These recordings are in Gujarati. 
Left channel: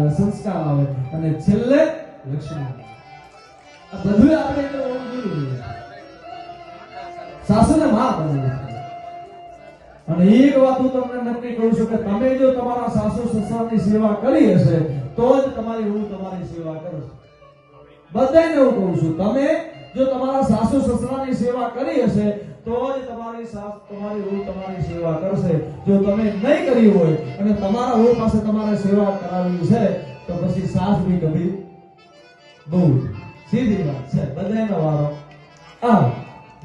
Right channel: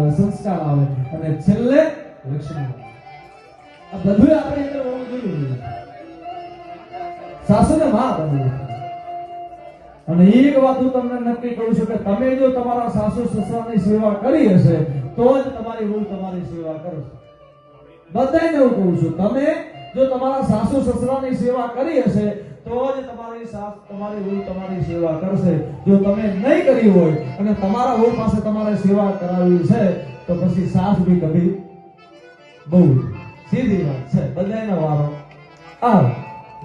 સંસ્કાર આવે અને છેલ્લે લક્ષ્મણ. આ બધું આપણે અંદર હોવું જોઈએ. સાસુને માં બનવું અને એક વાત હું તમને નક્કી કહું છું કે તમે જો તમારા સાસુ સસરાની સેવા કરી હશે, તો જ તમારી હું તમારી સેવા કરશે બધાને હું કહું છું, તમે જો તમારા સાસુ સસરાની સેવા કરી હશે તો તમારી સાસ તમારી વહુ તમારી સેવા કરશે. જો તમે નહીં કરી હોય અને તમારા વહુ પાસે તમારે સેવા કરાવી છે, તો પછી સાસ બી કભી બહુ સીધી વાત છે. બધાયનો વારો આ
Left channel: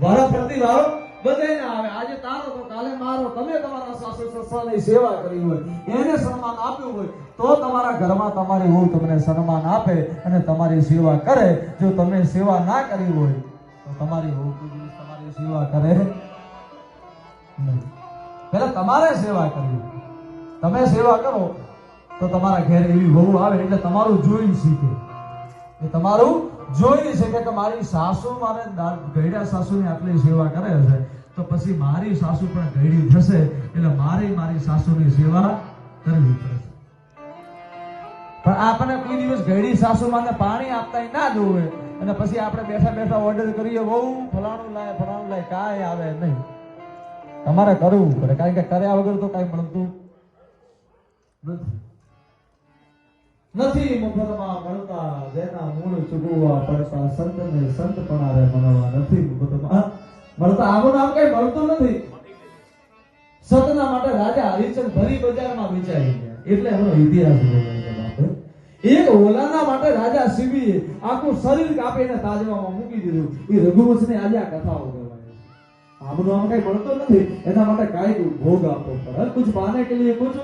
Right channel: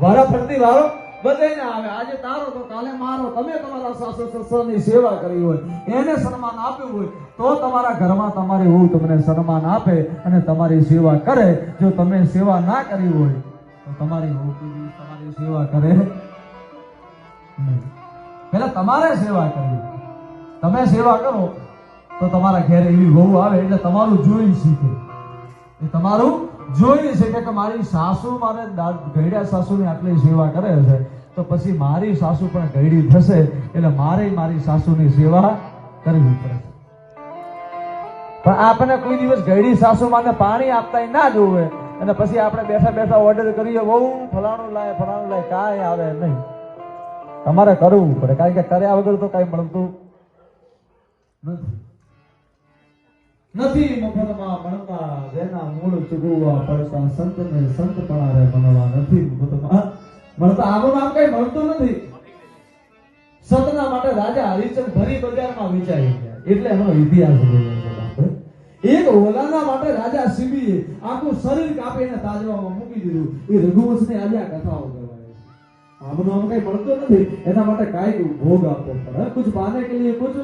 વારા ફરતી વારો બધાયને આવે. આજે તારો તો કાલે મારો. તમે તમારા સાસુ સસરાની સેવા કરી હોય, એને સન્માન આપ્યું હોય, તો તમારા ઘરમાં તમારી વહુ તમને સન્માન આપે અને તમારી સેવા કરે. જો તમે સેવા ના કરી હોય તમારી તમારી સેવા કરે. પહેલા તમારે સેવા કરવી. તમે સેવા કરો, તો તમારા ઘેરે એવી વહુ આવે એટલે તમારું જોઈ શીખે. એ તમારું જોઈ શીખે કે મારી સાસુ મારે ઘરડા સાસુની આટલી સેવા કરે છે, તો પછી મારી સાસુ પણ ઘરડી થશે એટલે મારે મારી સાસુની સેવા કરવી પડશે પણ આપણે કોઈ દિવસ ઘરડી સાસુ માટે પાણી આપતા ના જોવે. અને પછી આપણે બેઠા બેઠા ઓર્ડર કરીએ બહુ ફલાણું લાય ફલાણું લાય, કાંઈ આવે નહીં. તમારે કરવું પડે, કારણ કે કર્યા વગર તો કાંઈ મળતું નથી. નથી મફતમાં મળતા જેના મૂળ ચૂકવવા પડતા સંતને સંત પણ મનવા નથી મફતમાં મળતા. આવું નામ કઈ મળતું નથી. સંતના માટે રાજા હરિચંદ ફરી બજારમાં વેચાઈ એટલે એમનો ઇતિહાસ. એક ઓલાના માટે રાજા શિબીએ આખું શરીર કાપીને તાજવામાં મૂકી દીધું. એ રઘુવંશની આજે આ કથાઓ કહેવાય આમ કઈ મળતો નથી. એના માટે કાંઈક ભોગ આપવો પડે. કુછ પાને કે લીએ કુછ